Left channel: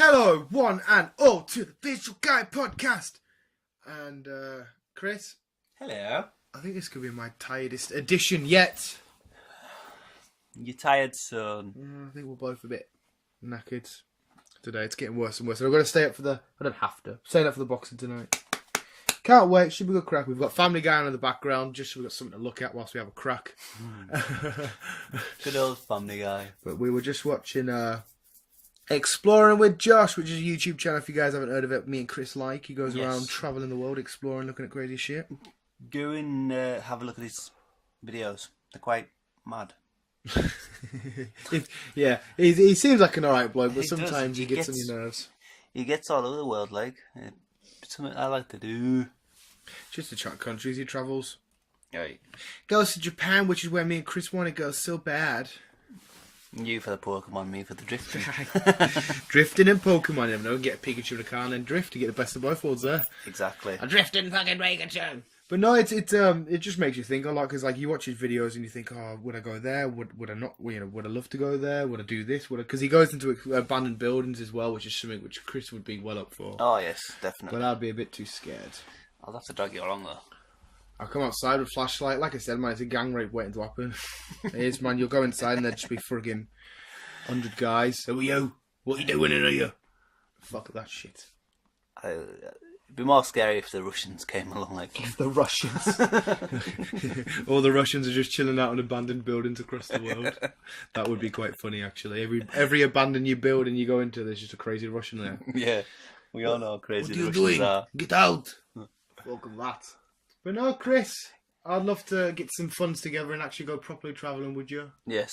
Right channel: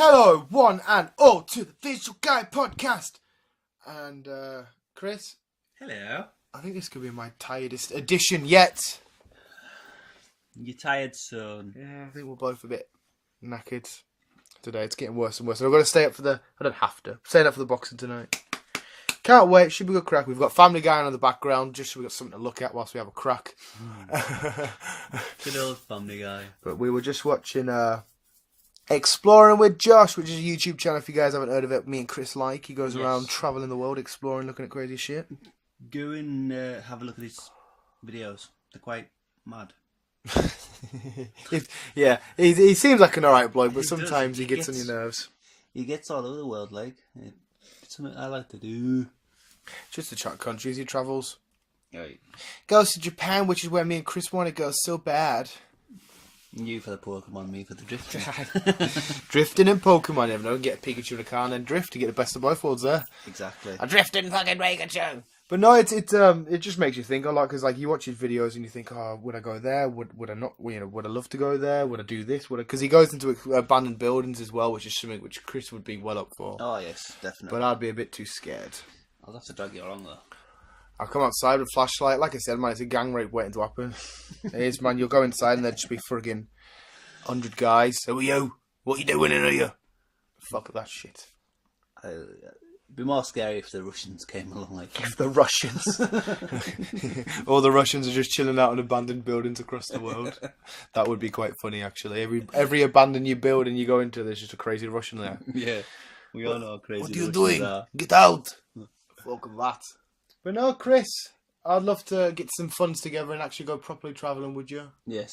Hello, one and all, to the Visual Guy podcast. And, Chris? Hello. I think this could be my tiredest edition yet. You tired, son? Yeah, I think we're both a bit knackered today. It's getting worse and worse. And I've got to stay up for the... I don't have to. Staying up for the boxing tonight. Can't wait. Should be a good crack. We've got Family Guy in the background, just so we've got something to look at whilst we have a crack. Good old Family Guy. But we were just watching Exploring with Josh, which is a YouTube channel if you guys haven't heard of it. Me and Chris like. He goes around travelling the world, exploring, looking at crazy shit. Go and have a look at his videos. They're quite mad. Yeah, he seems like an alright bloke, but sometimes he gets on your nerves. He gets all over the world, like. It's something I like to do. Just to chat countries he travels. Right. Goes to Japan, which is where me and Chris want to go so bad. You for the Pokemon, me for the drifting. Drifting and Pokemon, never know. Get a Pikachu in a car and then drift to get the best of both worlds there. Exactly. A drifting fucking Pikachu. But no, it just makes you think a lot, because like you watch his videos and you think, oh, would I go there? Would I not? You know, would I love to go there? Would I do this? Because he goes into abandoned buildings as well, which is something which Chris would be well up for. Oh yes, definitely. But I'd be a bit too scared. I'll have to drag you along though. I'll come outside with a flashlight. Like I said, man, it's a gang rape waiting to happen. It is, man. You'll go inside and there'll just be friggin' 100 guys. Who are you? What are you doing in here? Fuck that shit. It'd be more scary if the Russians came along. Like if the Russians, all the Russians are just chilling out in abandoned buildings across the world. That would be quite funny, actually. Every abandoned you build and you go into, there's just a crazy Russian there. Yeah, we all know how crazy. What are the you Russians doing? Are. Get out! Fuck that. But no, Chris, I'd love to get some funds together and actually go properly travelling, would you? Yes,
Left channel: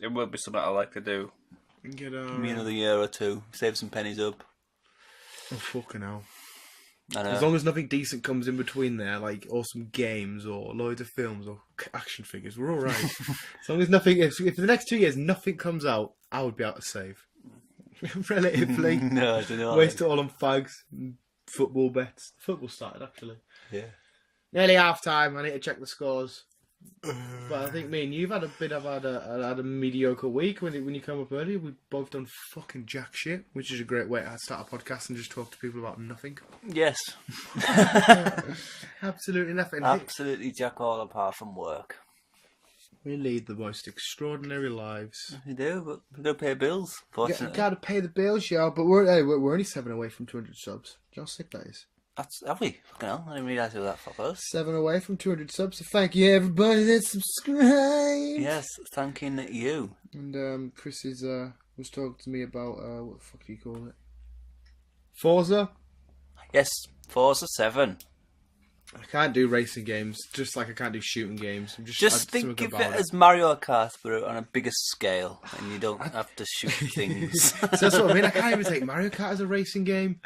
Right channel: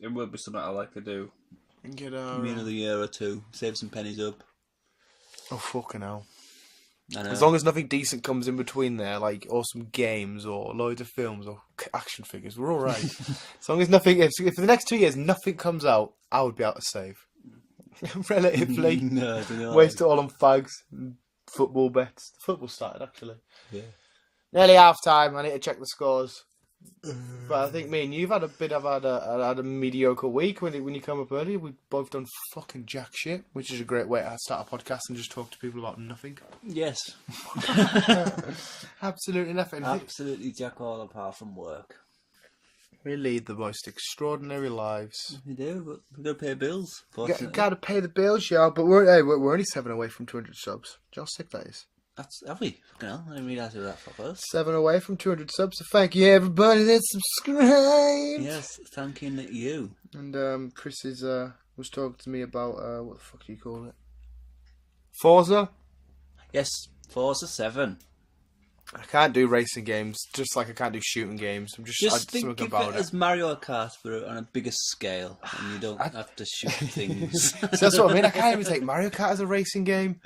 it would be something I like to do. Get me another year or two, save some pennies up. Oh fucking hell! I know. As long as nothing decent comes in between there, like awesome games or loads of films or action figures, we're all right. As long as nothing, if for the next 2 years nothing comes out, I would be able to save. Relatively, no, I don't know. Waste it all on fags and football bets. Football started actually. Yeah. Nearly half time. I need to check the scores. But I think me and you've had a mediocre week when you come up early. We've both done fucking jack shit, which is a great way to start a podcast and just talk to people about nothing. Yes. Absolutely nothing. Absolutely jack all apart from work. We lead the most extraordinary lives. We do, but we've got to pay bills, fortunately. You gotta pay the bills, yeah, but we're only 7 away from 200 subs. Do you know how sick that is? Have we? Fucking hell, I didn't realise we were that far first. 7 away from 200 subs, so thank you everybody that subscribed. Yes, thanking you. And Chris was talking to me about, what the fuck do you call it? Forza? Yes, Forza 7. I can't do racing games, just like I can't do shooting games. Just think of it as Mario Kart, but on a bigger scale, and you don't have to shoot things. So that's what I mean. I can't even take Mario Kart as a racing game.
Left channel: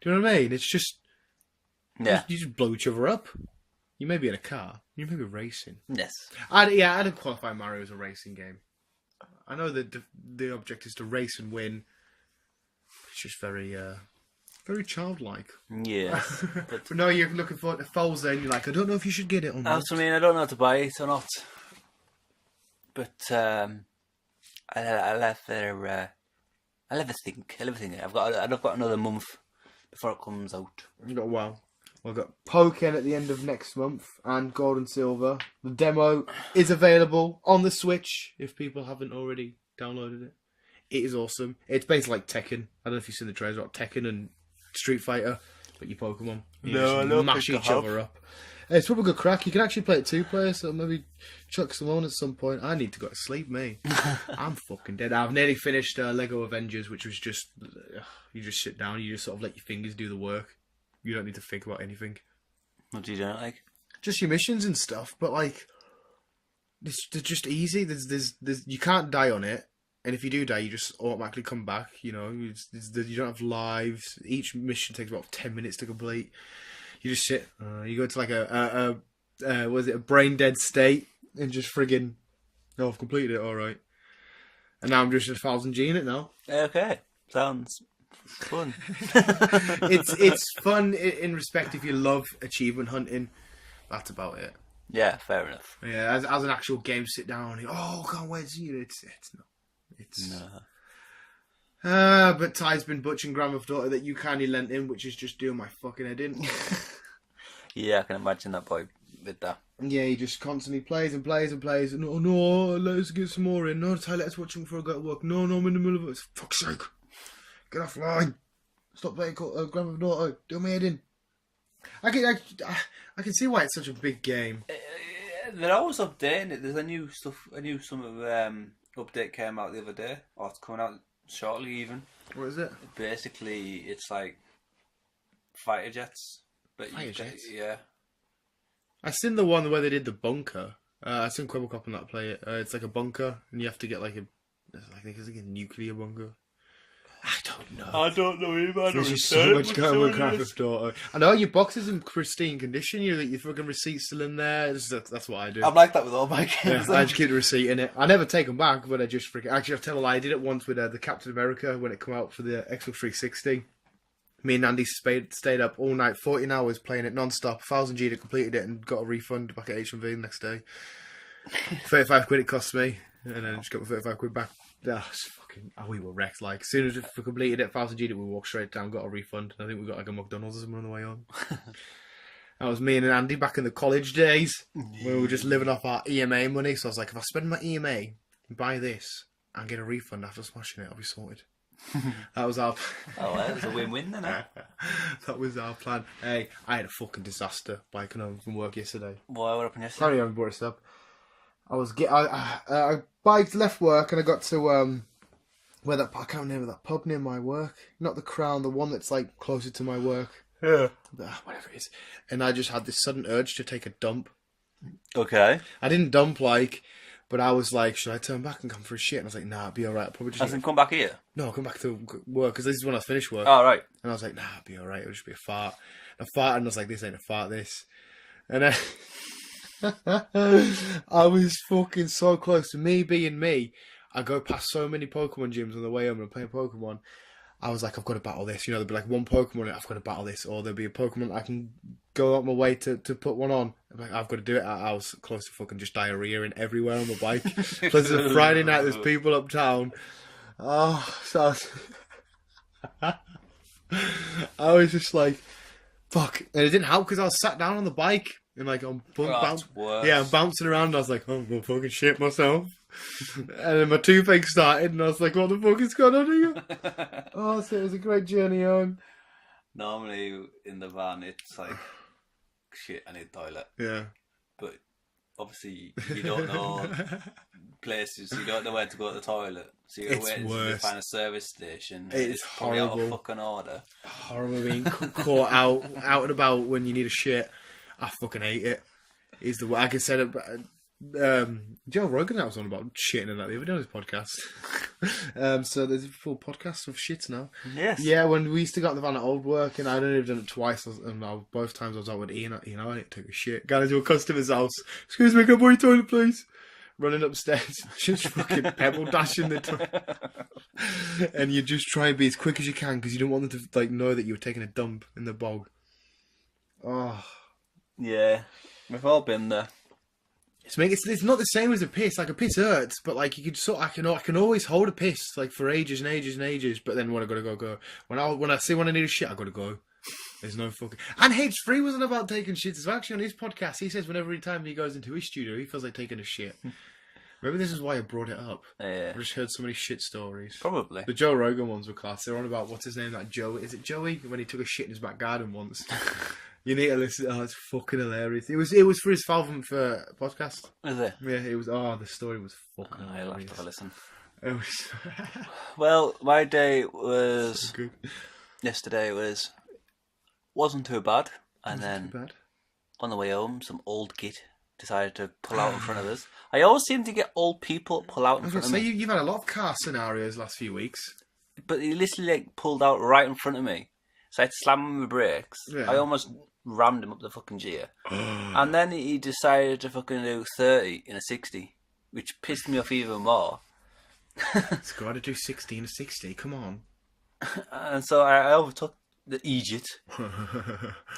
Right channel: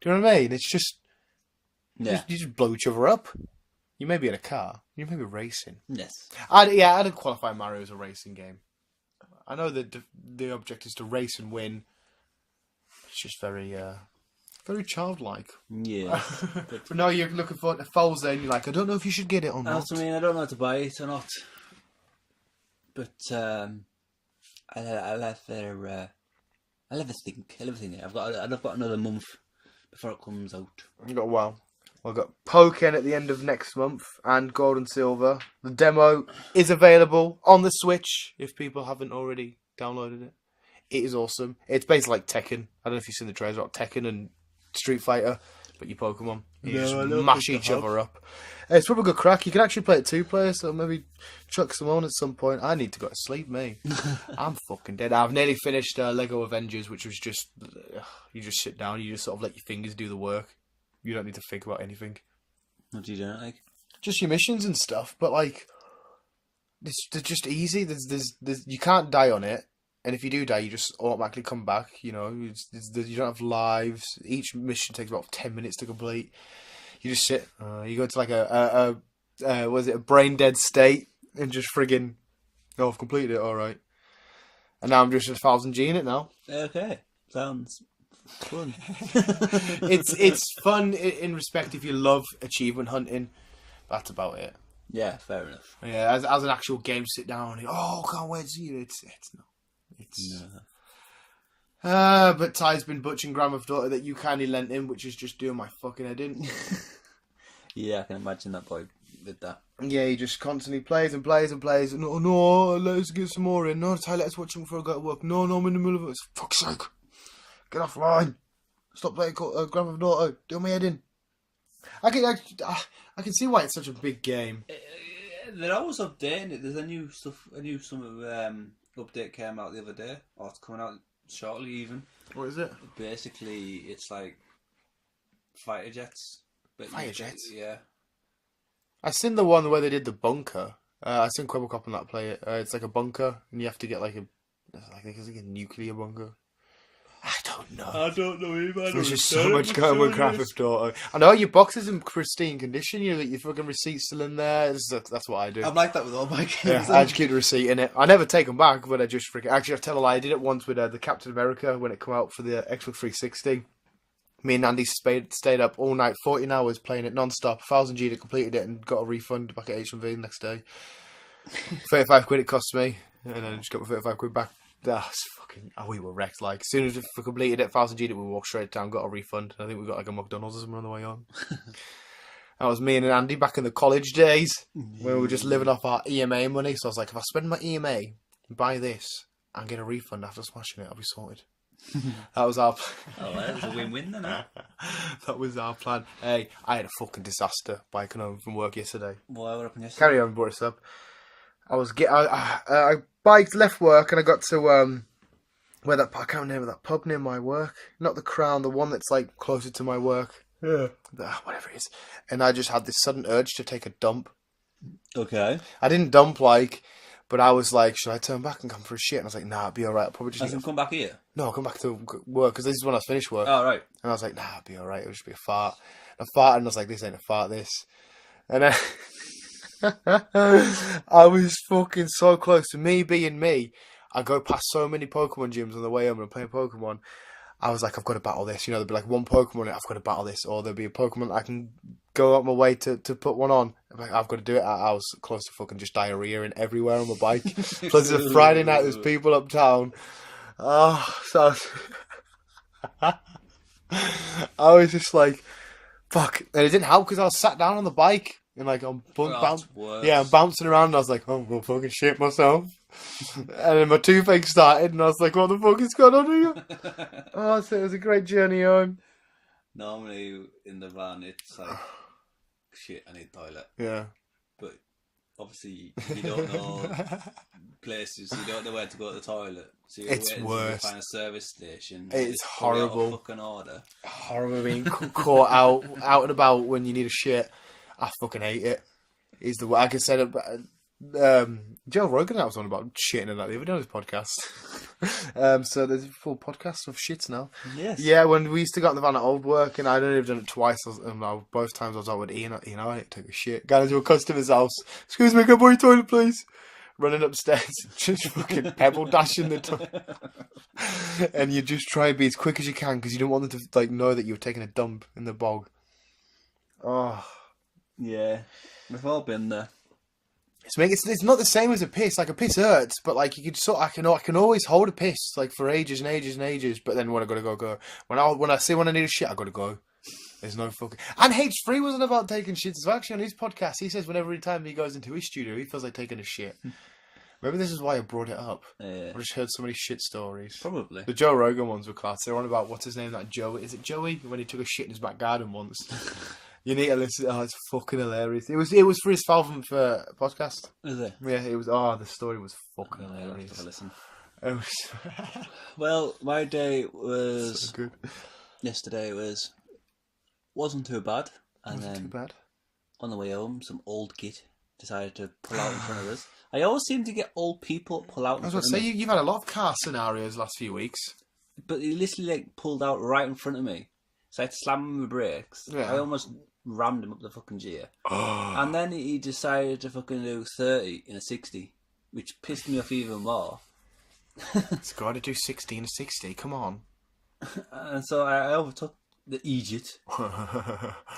Do you know what I mean? It's just... Yeah. You just blow each other up. You may be in a car. You may be racing. Yes. I didn't qualify Mario as a racing game. I know that the object is to race and win. It's just very childlike. Yeah. But no, you're looking for the Forza and you're like, I don't know if you should get it or not. I mean, I don't know how to buy it or not. But I'll have a think. I've got another month before it comes out. You got I've got Pokken at the end of next month and Gold and Silver. The demo is available on the Switch if people haven't already downloaded it. It is awesome. It's basically like Tekken. I don't know if you've seen the trailers about Tekken and Street Fighter, but you Pokemon. You just mash each other up. It's probably a good crack. You can actually play it 2 players, so maybe chuck some on at some point. I need to go to sleep, mate. I'm fucking dead. I've nearly finished Lego Avengers, which was just... you just sit down, you just sort of let your fingers do the work. You don't need to think about anything. What do you do, like? Just your missions and stuff, but like... they're just easy. There's you can't die on it. And if you do die, you just automatically come back, you know. You don't have lives. Each mission takes about 10 minutes to complete. You just sit. You go to like a brain dead state and just friggin', oh, I've completed it, alright. And now I'm just 1000G in it now. Okay. Sounds fun. It's fun in respect if you love achievement hunting. That's about it. Yeah, fair enough. Yeah, as an actual game, sit down and can't wait to see it. It's not. But Ty's been butching Grand Theft Auto that you kindly lent him, which is just doing my fucking head in. Yeah, I can imagine that boy with that. Yeah, he just constantly plays and plays and plays. No, no, let's get some more in. No, Ty, let's watch him before I go to work. No, I'm in the middle of it. Fuck's sake. Get offline. Stop playing Grand Theft Auto. Do my head in. I can see why it's such a big game. They're always updating it. There's a new update came out the other day, or it's coming out shortly even. What is it? Basically, it's like fighter jets. But Fighter jets? Yeah. I seen the one where they did the bunker. I seen Quibblecop on that play it. It's like a bunker, and you have to get like I think it's like a nuclear bunker. I don't know. I don't know either. There's just so much going on with Grand Theft Auto. I know your box is in pristine condition. Your fucking receipt's still in there. That's what I do. I'm like that with all my games. Yeah, I just keep the receipt in it. I never take them back, but I just freaking... Actually, I tell a lie. I did it once with the Captain America when it came out for the Xbox 360. Me and Andy stayed up all night, 14 hours playing it non-stop. 1,000 G that completed it and got a refund back at HMV the next day. 35 quid it cost me, and then just got my 35 quid back. We were wrecked. Like, as soon as we completed it, 1,000 G, we walked straight down, got a refund. I think we got like a McDonald's or something on the way on. That was me and Andy back in the college days when we were just living off our EMA money. So I was like, if I spend my EMA and buy this and get a refund after smashing it, I'll be sorted. That was our Oh, well, it's a win-win then. Huh? That was our plan. Hey, I had a fucking disaster biking home from work yesterday. What happened yesterday? Carry on, brought this up. I biked, left work, and I got to where that I can't remember that pub near my work. Not the Crown, the one that's like closer to my work. Yeah, whatever it is. And I just had this sudden urge to take a dump. Okay. I didn't dump but I was like, should I turn back and come for a shit? And I was like, nah, it'll be alright. I'll probably just. Hasn't come back here? No, I'll come back to work because this is when I finished work. Oh, right. And I was like, nah, it'll be alright. It'll just be a fart. I farted and I was like, this ain't a fart, this. And then I was fucking so close to me being me. I go past so many Pokemon gyms on the way home and I'm playing Pokemon. I was like, I've got to battle this. You know, there'll be like one Pokemon, I've got to battle this. Or there'll be a Pokemon I can go out my way to put one on. I'm like, I've got to do it. I was close to fucking just diarrheaing everywhere on my bike. Plus, it's a Friday night, there's people uptown. Oh, so I was just like, fuck. And it didn't help because I was sat down on the bike and like I'm I'm bouncing around. And I was like, oh, I'm gonna fucking shit myself. And then my toothache started, and I was like, what the fuck is going on here? Oh, so it was a great journey home. Normally in the van, it's like, shit, I need toilet. Yeah. But obviously, you don't know places, you don't know where to go to the toilet. So you're waiting to find a service station. It's horrible. Out of fucking order. Horrible being caught out and about when you need a shit. I fucking hate it. He's the way I could say it. Joe Rogan was on about shitting and that the other day on his podcast. So there's a full podcast of shits now. Yes. Yeah, when we used to go in the van at old work, and I'd only done it twice. Both times I was out with Ian. I had to take a shit. Got into a customer's house. Excuse me, can I borrow your toilet, please? Running upstairs, just fucking pebble dashing the toilet. And you just try and be as quick as you can because you don't want them to like know that you were taking a dump in the bog. Oh. Yeah, we've all been there. It's not the same as a piss. Like a piss hurts, but like you could I can always hold a piss like for ages and ages and ages. But then when I gotta go. When I need a shit, I gotta go. There's no fucking. And H3 wasn't about taking shits as well. Actually, on his podcast, he says whenever time he goes into his studio, he feels like taking a shit. Maybe this is why I brought it up. Yeah. I just heard so many shit stories. Probably. The Joe Rogan ones were class. They're on about what's his name? That Joe. Is it Joey? When he took a shit in his back garden once. You need to listen. Oh, it's fucking hilarious. It was for his Falcon for podcast. Is it? Yeah, it was. Oh, the story was fucking hilarious. I'll have to have a listen. It was. Well, my day was So good. Yesterday wasn't too bad, and then Too bad. on the way home, some old git decided to pull out in front of us. I always seem to get old people pull out in front of me. You've had a lot of car scenarios last few weeks. But he literally like pulled out right in front of me, so I had to slam him with brakes. Yeah. I almost rammed him up the fucking gear. And then he decided to fucking do 30 in a 60, which pissed me off even more. It's got to do 60 and a 60. Come on. And so I overtook the idiot.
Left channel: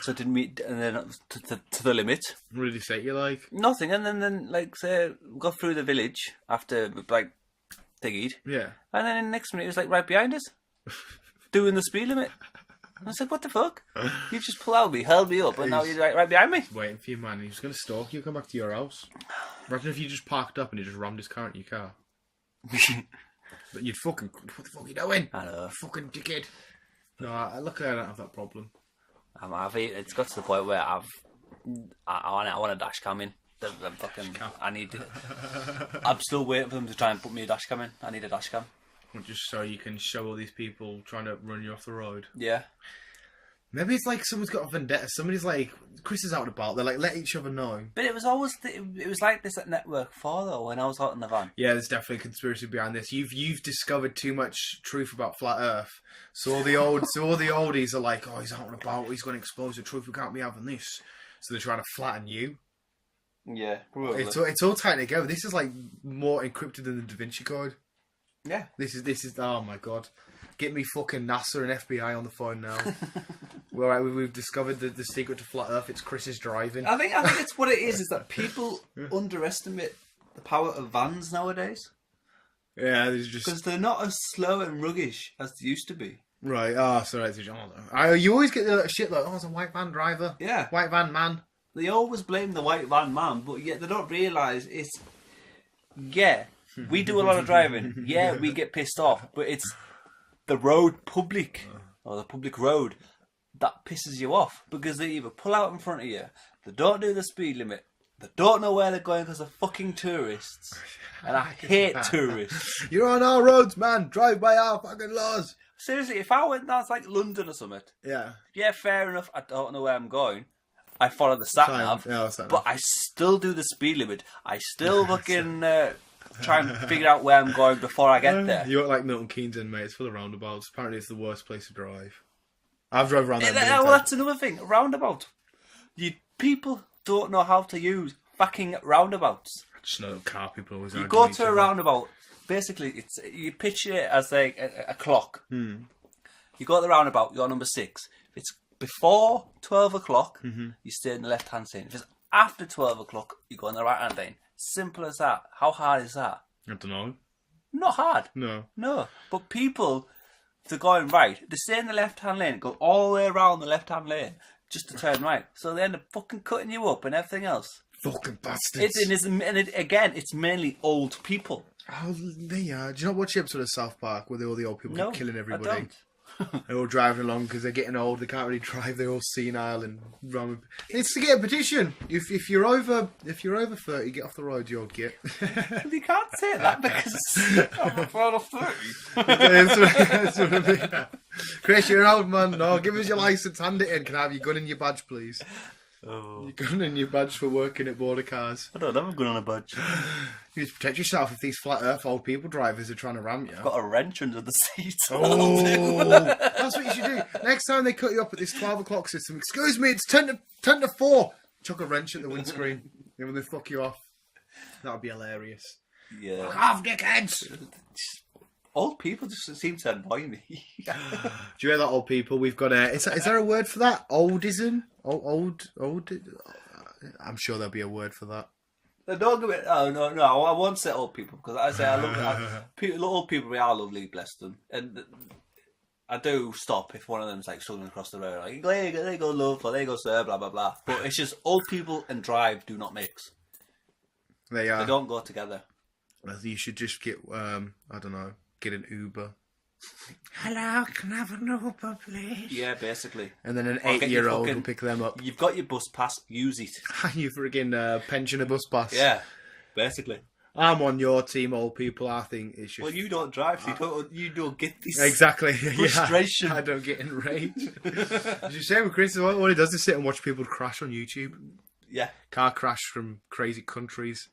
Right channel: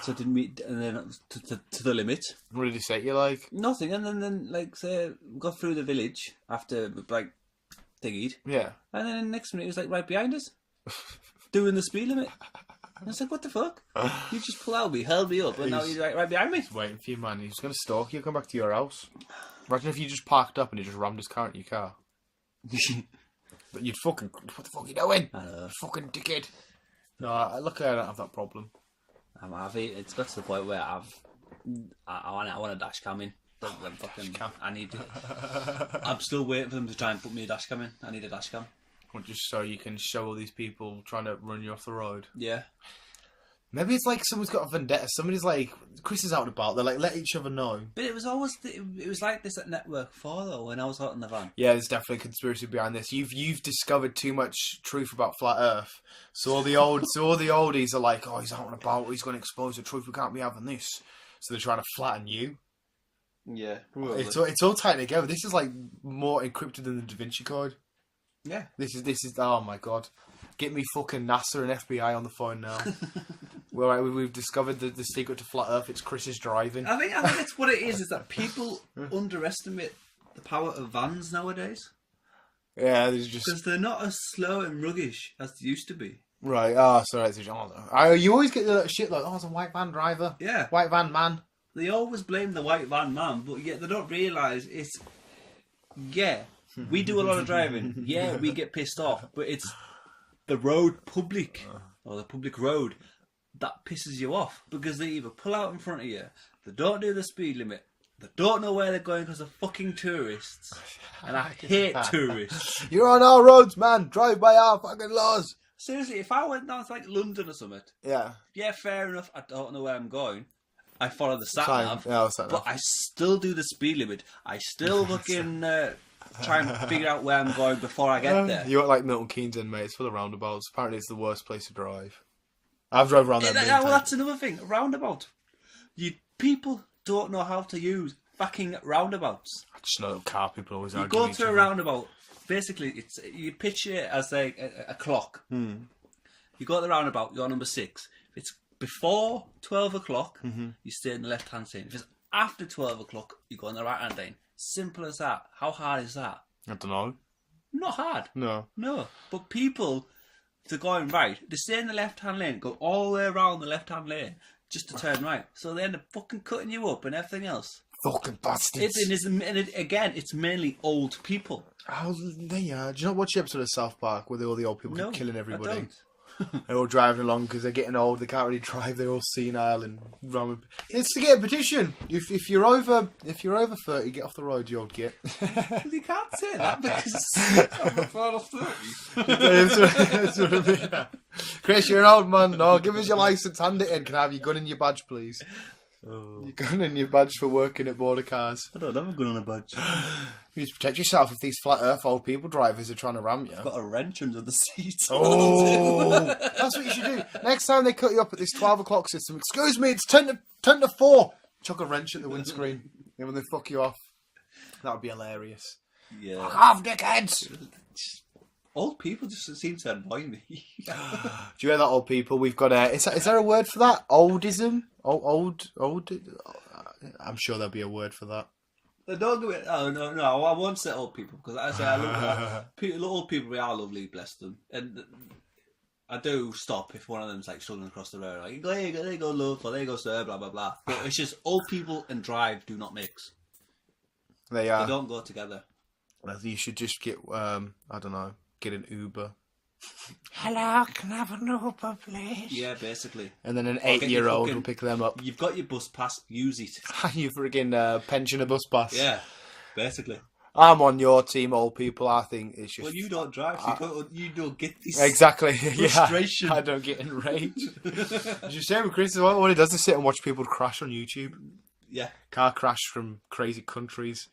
So didn't meet, and then to the limit. What did he say? You like Nothing, and then like say we got through the village after like thingied. Yeah. And then in the next minute, he was like right behind us, doing the speed limit. I was like, what the fuck? You just pulled out me, held me up, and now you're right behind me. Waiting for you, man. He's going to stalk you, come back to your house. Imagine if you just parked up and he just rammed his car into your car. But you'd fucking... What the fuck are you doing? I know. Fucking dickhead. No, luckily I don't have that problem. It's got to the point where I want a dash cam in. I need it. I'm still waiting for them to try and put me a dash cam in. I need a dash cam. Well, just so you can show all these people trying to run you off the road. Yeah. Maybe it's like someone's got a vendetta. Somebody's like, Chris is out and about. They're like, let each other know. But it was always it was like this at Network 4 though. When I was out in the van. Yeah, there's definitely a conspiracy behind this. You've discovered too much truth about flat Earth. So all the oldies are like, oh, he's out and about. He's going to expose the truth. We can't be having this. So they're trying to flatten you. Yeah, it's all tied together. This is like more encrypted than the Da Vinci Code. Yeah. This is. Oh my god. Get me fucking NASA and FBI on the phone now. Well, we've discovered the secret to flat Earth. It's Chris's driving. I think it's what it is that people underestimate the power of vans nowadays. Yeah, there's just because they're not as slow and ruggish as they used to be. Right. Oh, so that's you always get the little shit like, oh, it's a white van driver. Yeah. White van man. They always blame the white van man, but yet they don't realise it's... Yeah, we do a lot of driving. Yeah, we get pissed off, but it's the road public, or the public road, that pisses you off. Because they either pull out in front of you, they don't do the speed limit, they don't know where they're going because they're fucking tourists. And I hate tourists. You're on our roads, man. Drive by our fucking laws. Seriously, if I went down to like London or something, yeah, fair enough, I don't know where I'm going. I follow the sat nav, but I still do the speed limit. I still fucking try and figure out where I'm going before I get there. You look like Milton Keynes in, mate. It's full of roundabouts. Apparently, it's the worst place to drive. I've drove around there. Well, that's another thing. Roundabout. People don't know how to use fucking roundabouts. I just know car people always. You go to a roundabout. Basically, you picture it as like a clock. Hmm. You go to the roundabout. You're number 6. It's before 12 o'clock, you stay in the left-hand lane. If it's after 12 o'clock, you go in the right-hand lane. Simple as that. How hard is that? I don't know. Not hard. No. But people, if they're going right, they stay in the left-hand lane, go all the way around the left-hand lane just to turn right. So they end up fucking cutting you up and everything else. Fucking bastards. Again, it's mainly old people. Oh, they are. Do you not watch the episode of South Park where all the old people keep killing everybody? I don't. They're all driving along because they're getting old. They can't really drive. They're all senile and wrong. It's to get a petition. If you're over 30, get off the road. You'll get. You can't say that because I'm over 30. That's what I mean. Chris, you're an old man. No, give us your license. Hand it in. Can I have your gun and your badge, please? Oh. Your gun and your badge for working at border cars. I don't have a gun on a badge. You need to protect yourself if these flat earth old people drivers are trying to ram you. Got a wrench under the seat. Oh, that's what you should do. Next time they cut you up at this 12 o'clock system, excuse me, it's 10 to 4. Chuck a wrench at the windscreen. And when they fuck you off, that would be hilarious. Yeah. Fuck off, dickheads! Old people just seem to annoy me. Do you hear that, old people? We've got a... Is there a word for that? Oldism? Old... I'm sure there'll be a word for that. Don't do it. Oh, no, I won't say old people, because I say I love that. Old people, they are lovely, bless them. And I do stop if one of them's like struggling across the road. Like, there you go, love, or there you go, sir, blah, blah, blah. But it's just old people and drive do not mix. They don't go together. You should just get, I don't know, get an Uber. Hello, can I have an Uber, please? Yeah, basically. And then an 8-year-old will pick them up. You've got your bus pass, use it. You friggin' pensioner bus pass. Yeah, basically. I'm on your team, old people. I think it's just... Well, you don't drive, so you don't get this exactly frustration. Yeah, I don't get enraged. Did you say with Chris, what he does is sit and watch people crash on YouTube? Yeah. Car crash from crazy countries.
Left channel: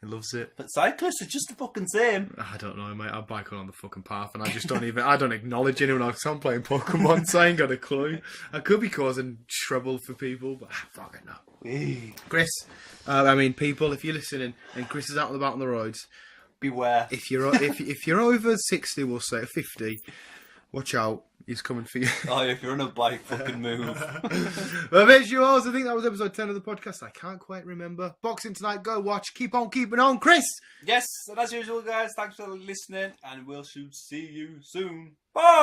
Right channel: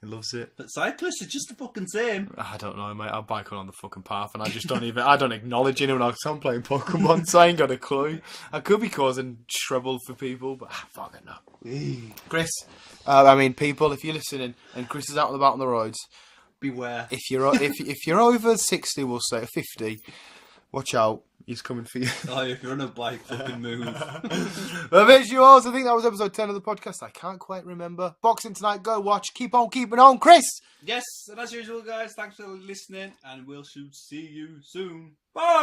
He loves it. But cyclists are just the fucking same. I don't know, mate. I bike on the fucking path and I just don't I don't acknowledge anyone else. I'm playing Pokemon, so I ain't got a clue. I could be causing trouble for people, but I fucking know. Chris, people, if you're listening and Chris is out and about on the roads, beware. If you're over 60, we'll say 50, Watch out. He's coming for you. Oh, if you're on a bike, fucking move. The visuals. I think that was episode 10 of the podcast. I can't quite remember. Boxing tonight. Go watch. Keep on keeping on. Chris. Yes, and as usual, guys, thanks for listening, and we'll see you soon. Bye!